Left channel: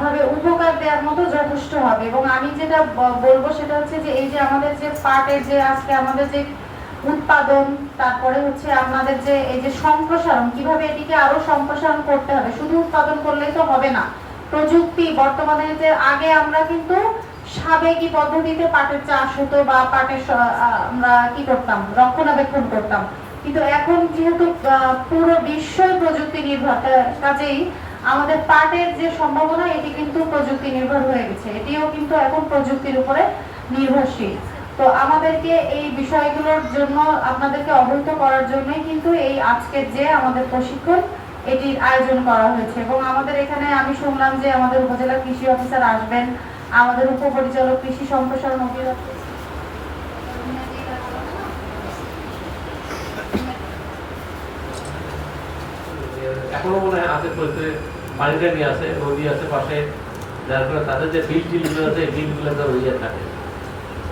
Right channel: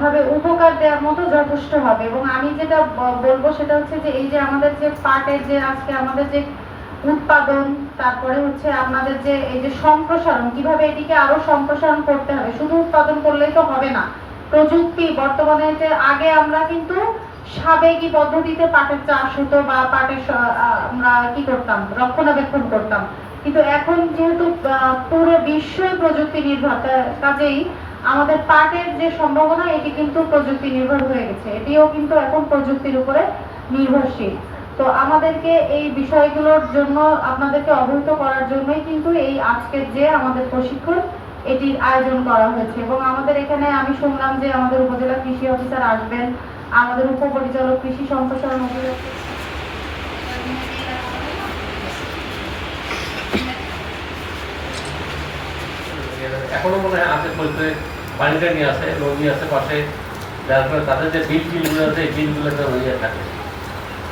ভাবে উপকার দেওয়ার মতো যথেষ্ট হবে। এবং আমি যেটা বলবো সেটা হচ্ছে যে এই যে আমাদের যে পাটের যে আজকে আমাদের যে উৎপাদন, তারপরে হচ্ছে আমাদের যে এই যে সম্প্রসারণ, কিভাবে এটিকে আরো সম্প্রসারণ করতে হবে। শুধু উৎপাদন করলেই তো হবে না, প্রযুক্তি বর্তমানে যে আগে আমরা কিন্তু সাবেকি পদ্ধতিতে পাটের চাষ হতো বা পাটের আমরা কি করতাম, রক্ষণাবেক্ষণ করতাম, কিন্তু এখন যেহেতু পুরো বিশ্বই প্রযুক্তি নির্ভর, কাজেই আমাদের পাটের যে সম্ভাবনা এটি কিন্তু প্রযুক্তি নির্ভর হয়ে গেছে, এটিও কিন্তু এখন প্রযুক্তির উপরে নির্ভরশীল। তো আমাদেরকে এই বিষয়গুলোর জন্য আপনাদেরকে অবহিত করার জন্যই কিন্তু এই আজকের যে আমাদের প্রশিক্ষণ এটির আয়োজন করা হয়েছে। এবং আমাদের এখানে আমি শুনলাম যে আমাদের উপজেলা কৃষি অফিসার আসবেন, আমাদের উপপরিচালক কৃষি সম্প্রসারণ অধিদপ্তর এখনো মনে হয় আছে, পানিটা নিয়ে আসে, রোগী আছে পাশে, যার ফলে তাদের যে বিলগুলো আছে এই বিলগুলোতে রোগী থাকে।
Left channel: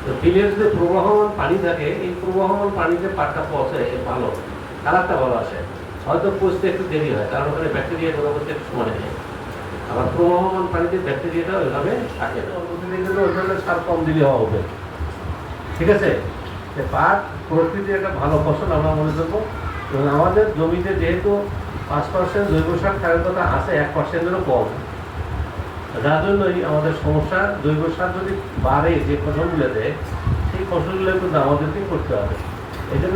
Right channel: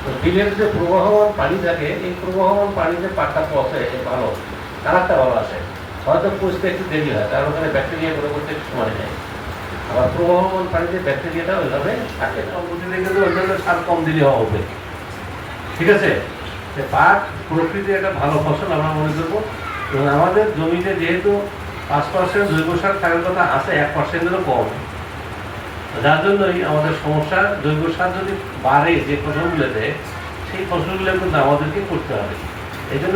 তো বিলের যে প্রবাহমান পানি থাকে, এই প্রবাহমান পানিতে পাটটা পচে ভালো, কালারটা ভালো আসে, হয়তো পুষতে একটু দেরি হয়, কারণ ওখানে ব্যাকটেরিয়া গ্রো করতে একটু সময় নেয়। আবার প্রবাহমান পানিতে ব্যাকটেরিয়াটা ওইভাবে থাকে, কম্পিউটারে কিন্তু ওই ধরনের সার কম দিলে হবে। ঠিক আছে, পাট প্রকৃতির একটা ভালো ফসল আমরা মনে করবো। এবং আমাদের জমিতে যেহেতু 5% জৈব সার থাকার কথা আছে, 1%-এরও কম, যার জন্যই আমাদের সমস্যা। জৈব সার যদি বাড়ে যে ফসলগুলোতে, সেই ফসলগুলো কিন্তু আমাদেরকে করতে হবে। এই জন্য